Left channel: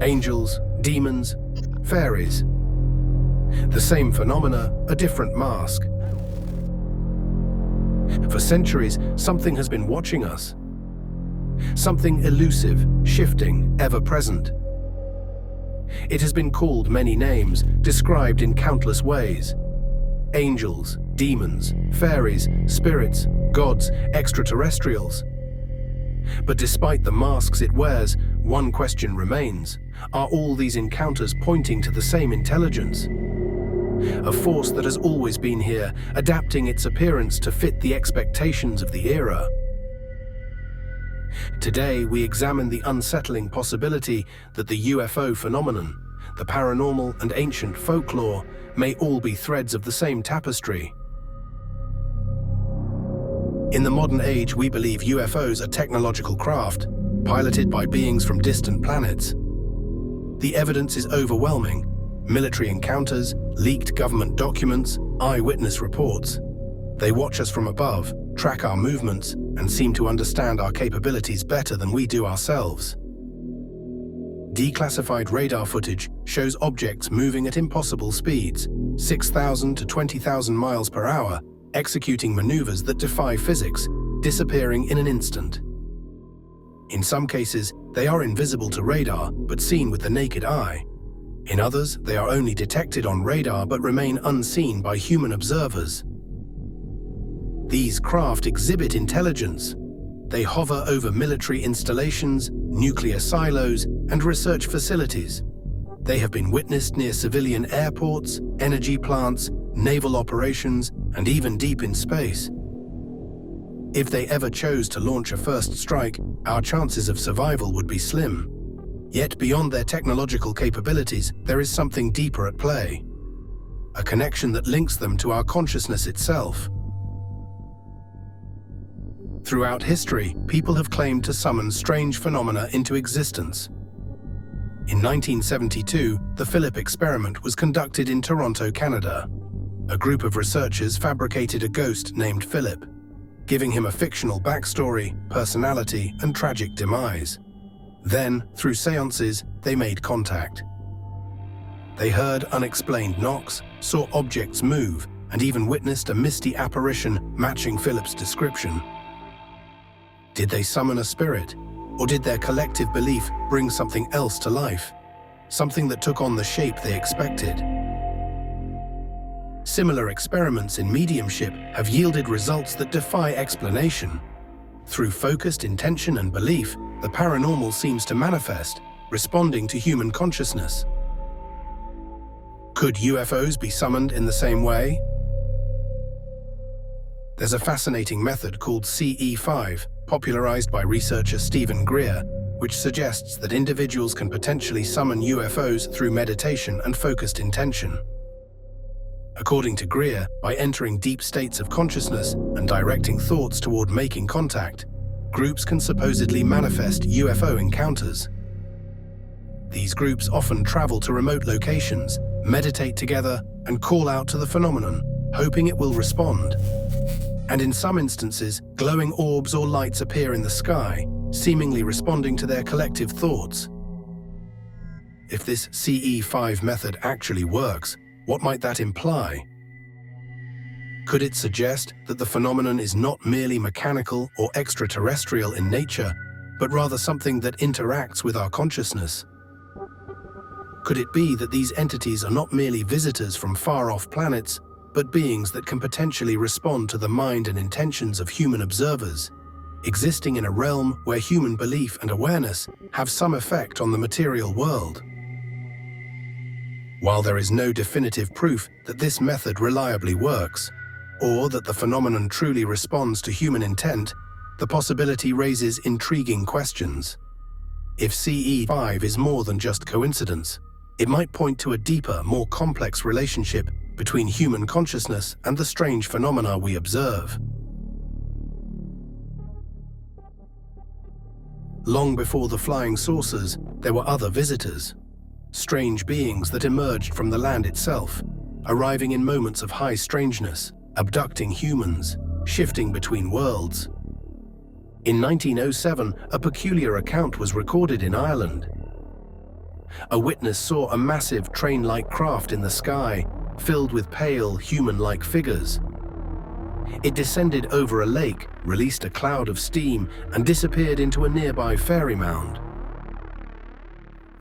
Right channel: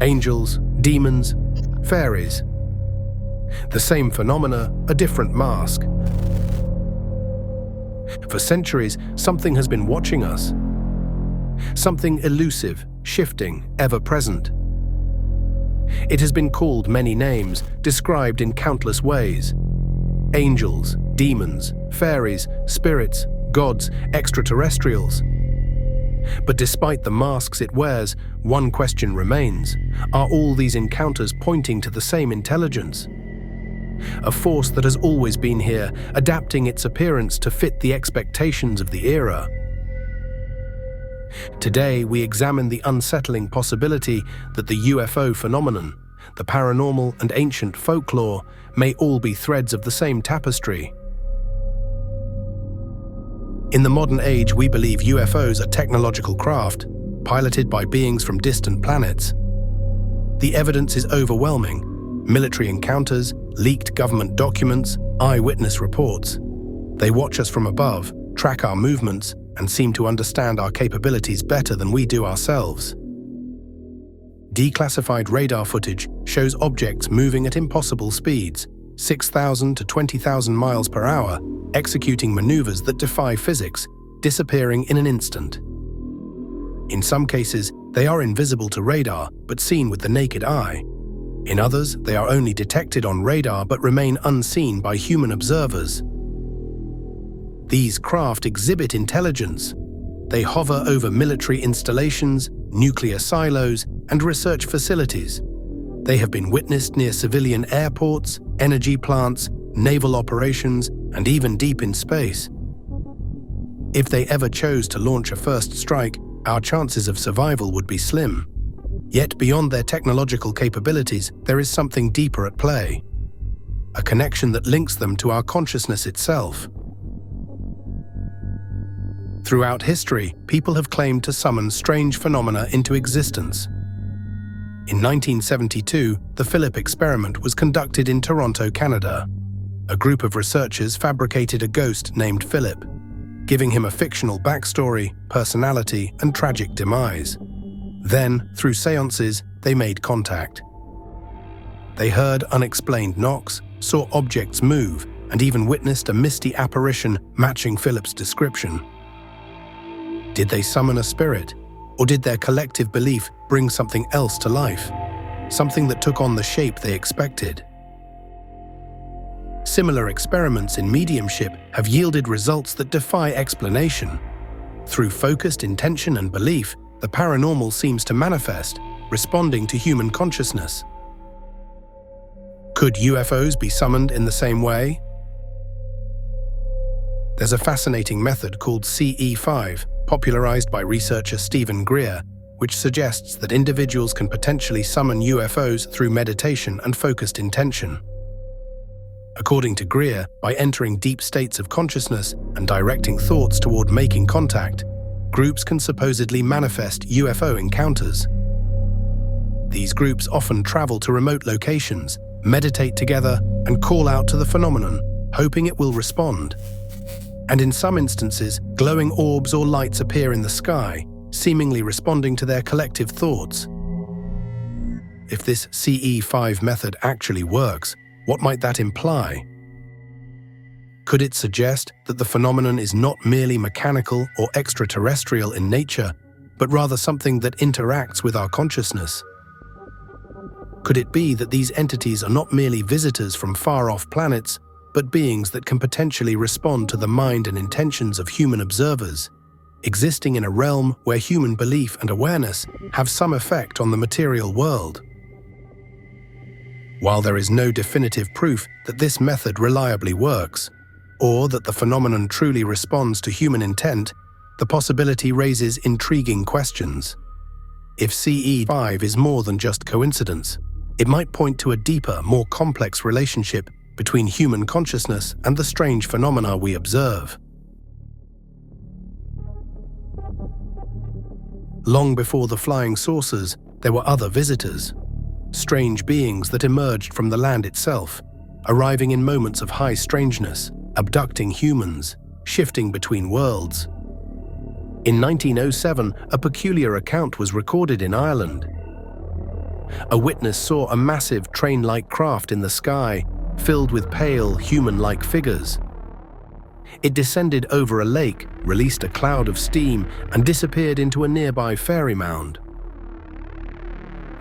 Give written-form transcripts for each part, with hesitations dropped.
Angels, demons, fairies. The same phenomena, a different mask. For centuries, something has been watching us. Something elusive, shifting, ever-present. It has been called many names, described in countless ways. Angels, demons, fairies, spirits, gods, extraterrestrials. But despite the masks it wears, one question remains. Are all these encounters pointing to the same intelligence? A force that has always been here, adapting its appearance to fit the expectations of the era. Today, we examine the unsettling possibility that the UFO phenomenon, the paranormal and ancient folklore, may all be threads of the same tapestry. In the modern age, we believe UFOs are technological craft, piloted by beings from distant planets. The evidence is overwhelming. Military encounters, leaked government documents, eyewitness reports. They watch us from above, track our movements, and seem to understand our capabilities better than we do ourselves. Declassified radar footage shows objects moving at impossible speeds, 6,000 to 20,000 miles per hour, executing maneuvers that defy physics, disappearing in an instant. In some cases, they are invisible to radar, but seen with the naked eye. In others, they are only detected on radar but remain unseen by human observers. These craft exhibit intelligence. They hover over military installations, nuclear silos, and research facilities. They have been witnessed near civilian airports, energy plants, naval operations, and even deep in space. If they ever chose to launch a first strike, our chances of survival would be slim. Yet beyond their technological capabilities, there is something deeper at play. A connection that links them to our consciousness itself. Throughout history, people have claimed to summon strange phenomena into existence. In 1972, the Philip experiment was conducted in Toronto, Canada. A group of researchers fabricated a ghost named Philip, giving him a fictional backstory, personality, and tragic demise. Then, through seances, they made contact. They heard unexplained knocks, saw objects move, and even witnessed a misty apparition matching Philip's description. Did they summon a spirit, or did their collective belief bring something else to life? Something that took on the shape they expected? Similar experiments in mediumship have yielded results that defy explanation. Through focused intention and belief, the paranormal seems to manifest, responding to human consciousness. Could UFOs be summoned in the same way? There's a fascinating method called CE5, popularized by researcher Stephen Greer, which suggests that individuals can potentially summon UFOs through meditation and focused intention. According to Greer, by entering deep states of consciousness and directing thoughts toward making contact, groups can supposedly manifest UFO encounters. These groups often travel to remote locations, meditate together, and call out to the phenomenon, hoping it will respond. And in some instances, glowing orbs or lights appear in the sky, seemingly responding to their collective thoughts. If this CE5 method actually works, what might that imply? Could it suggest that the phenomenon is not merely mechanical or extraterrestrial in nature, but rather something that interacts with our consciousness? Could it be that these entities are not merely visitors from far-off planets, but beings that can potentially respond to the mind and intentions of human observers, existing in a realm where human belief and awareness have some effect on the material world? While there is no definitive proof that this method reliably works, or that the phenomenon truly responds to human intent, the possibility raises intriguing questions. If CE5 is more than just coincidence, it might point to a deeper, more complex relationship between human consciousness and the strange phenomena we observe. Long before the flying saucers, there were other visitors, strange beings that emerged from the land itself, arriving in moments of high strangeness, abducting humans, shifting between worlds. In 1907, a peculiar account was recorded in Ireland. A witness saw a massive train-like craft in the sky, filled with pale, human-like figures. It descended over a lake, released a cloud of steam, and disappeared into a nearby fairy mound.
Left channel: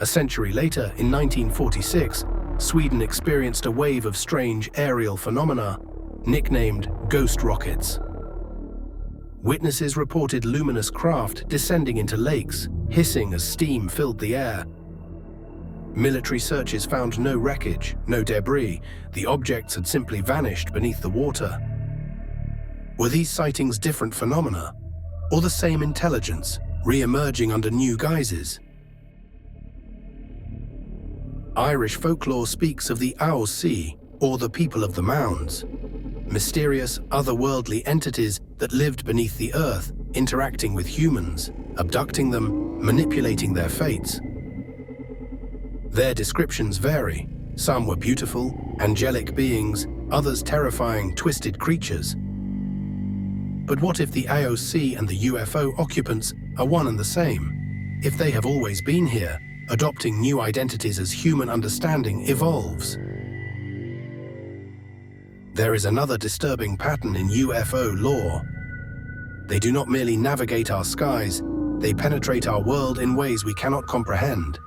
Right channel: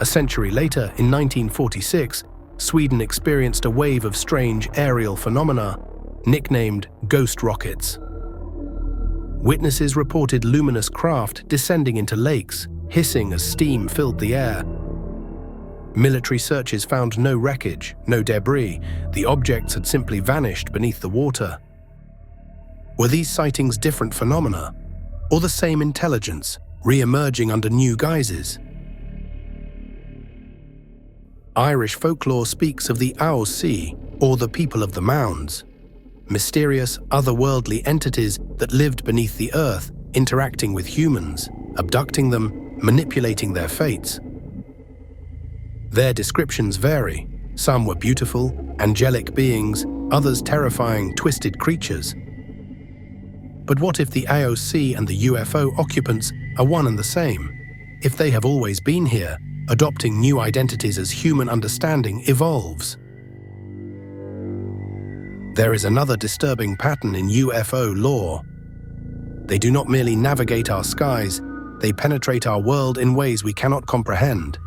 A century later, in 1946, Sweden experienced a wave of strange aerial phenomena, nicknamed ghost rockets. Witnesses reported luminous craft descending into lakes, hissing as steam filled the air. Military searches found no wreckage, no debris. The objects had simply vanished beneath the water. Were these sightings different phenomena, or the same intelligence, re-emerging under new guises? Irish folklore speaks of the Owl Sea, or the people of the mounds, mysterious, otherworldly entities that lived beneath the earth, interacting with humans, abducting them, manipulating their fates. Their descriptions vary. Some were beautiful, angelic beings, others terrifying, twisted creatures. But what if the AOC and the UFO occupants are one and the same? If they have always been here, adopting new identities as human understanding evolves? There is another disturbing pattern in UFO lore. They do not merely navigate our skies, they penetrate our world in ways we cannot comprehend.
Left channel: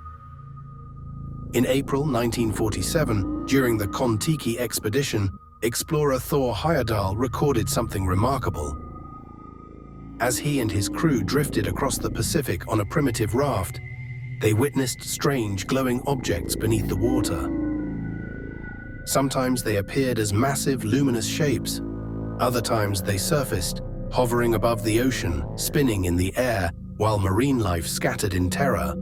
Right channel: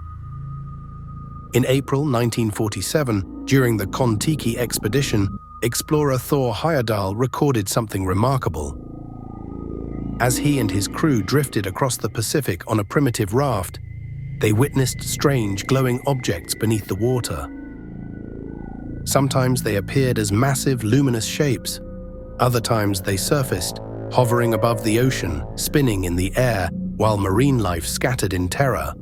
In April 1947, during the Kon-Tiki expedition, explorer Thor Heyerdahl recorded something remarkable. As he and his crew drifted across the Pacific on a primitive raft, they witnessed strange glowing objects beneath the water. Sometimes they appeared as massive luminous shapes. Other times they surfaced, hovering above the ocean, spinning in the air, while marine life scattered in terror.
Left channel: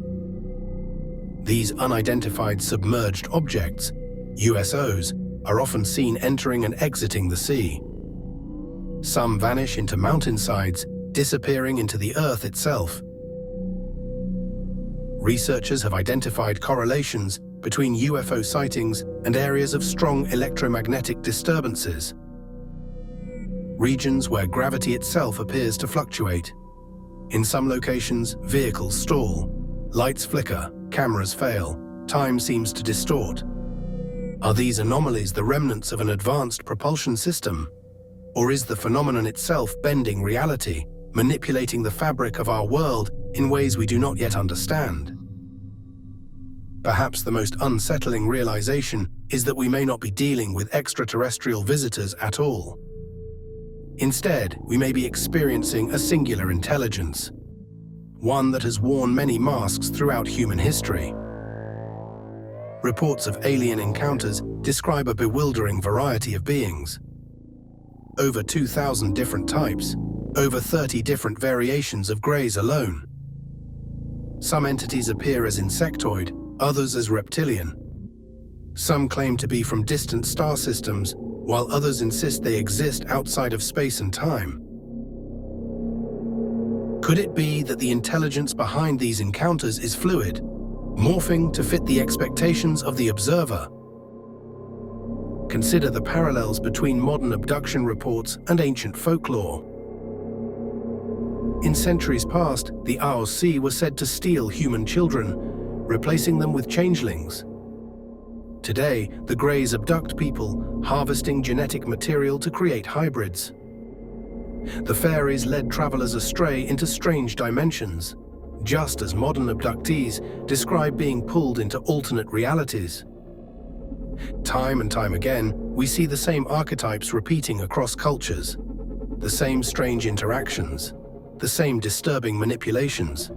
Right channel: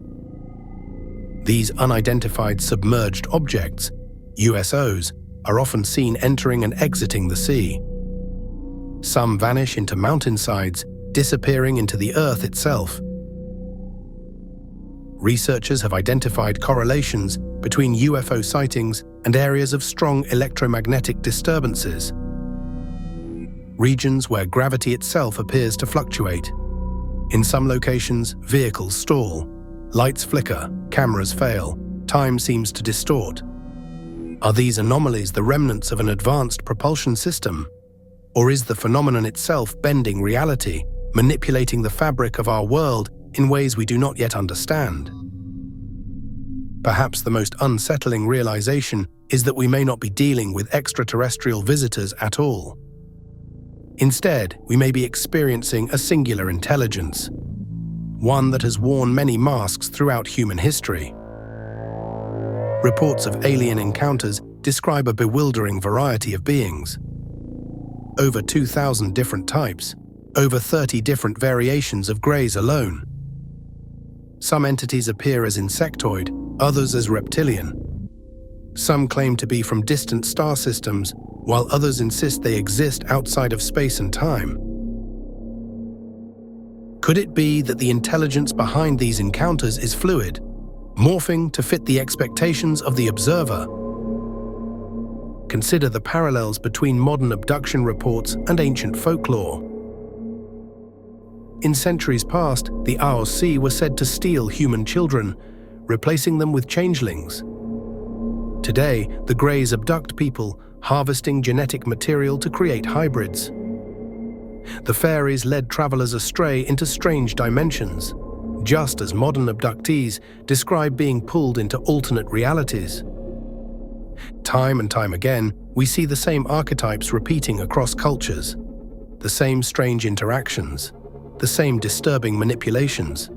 These unidentified submerged objects, USOs, are often seen entering and exiting the sea. Some vanish into mountainsides, disappearing into the earth itself. Researchers have identified correlations between UFO sightings and areas of strong electromagnetic disturbances, regions where gravity itself appears to fluctuate. In some locations, vehicles stall, lights flicker, cameras fail, time seems to distort. Are these anomalies the remnants of an advanced propulsion system? Or is the phenomenon itself bending reality, manipulating the fabric of our world in ways we do not yet understand? Perhaps the most unsettling realization is that we may not be dealing with extraterrestrial visitors at all. Instead, we may be experiencing a singular intelligence, one that has worn many masks throughout human history. Reports of alien encounters describe a bewildering variety of beings. Over 2,000 different types, over 30 different variations of greys alone. Some entities appear as insectoid, others as reptilian. Some claim to be from distant star systems, while others insist they exist outside of space and time. Could it be that the intelligence behind these encounters is fluid, morphing to fit the expectations of the observer? Consider the parallels between modern abduction reports and ancient folklore. In centuries past, the AOC were said to steal human children, replacing them with changelings. Today, the Greys abduct people, harvesting genetic material to create hybrids. The Fairies led travelers astray into strange dimensions, just as modern abductees describe being pulled into alternate realities. Time and time again, we see the same archetypes repeating across cultures, the same strange interactions, the same disturbing manipulations.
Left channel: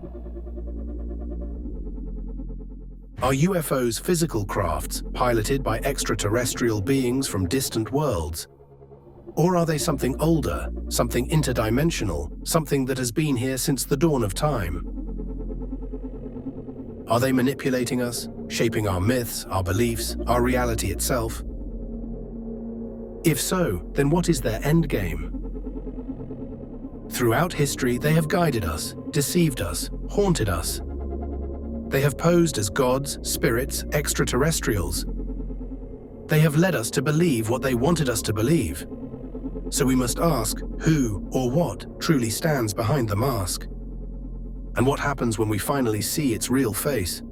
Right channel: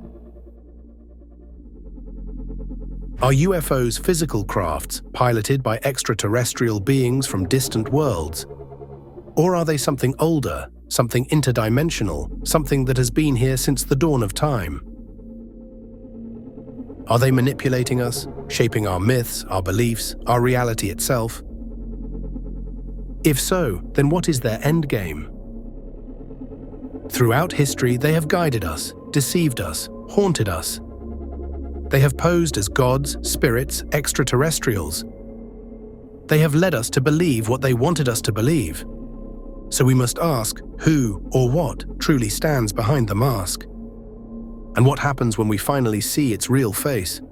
Are UFOs physical crafts piloted by extraterrestrial beings from distant worlds? Or are they something older, something interdimensional, something that has been here since the dawn of time? Are they manipulating us, shaping our myths, our beliefs, our reality itself? If so, then what is their endgame? Throughout history, they have guided us, deceived us, haunted us. They have posed as gods, spirits, extraterrestrials. They have led us to believe what they wanted us to believe. So we must ask who or what truly stands behind the mask. And what happens when we finally see its real face?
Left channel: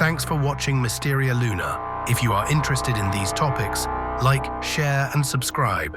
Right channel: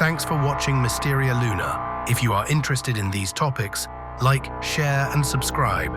Thanks for watching Mysteria Luna. If you are interested in these topics, like, share, and subscribe.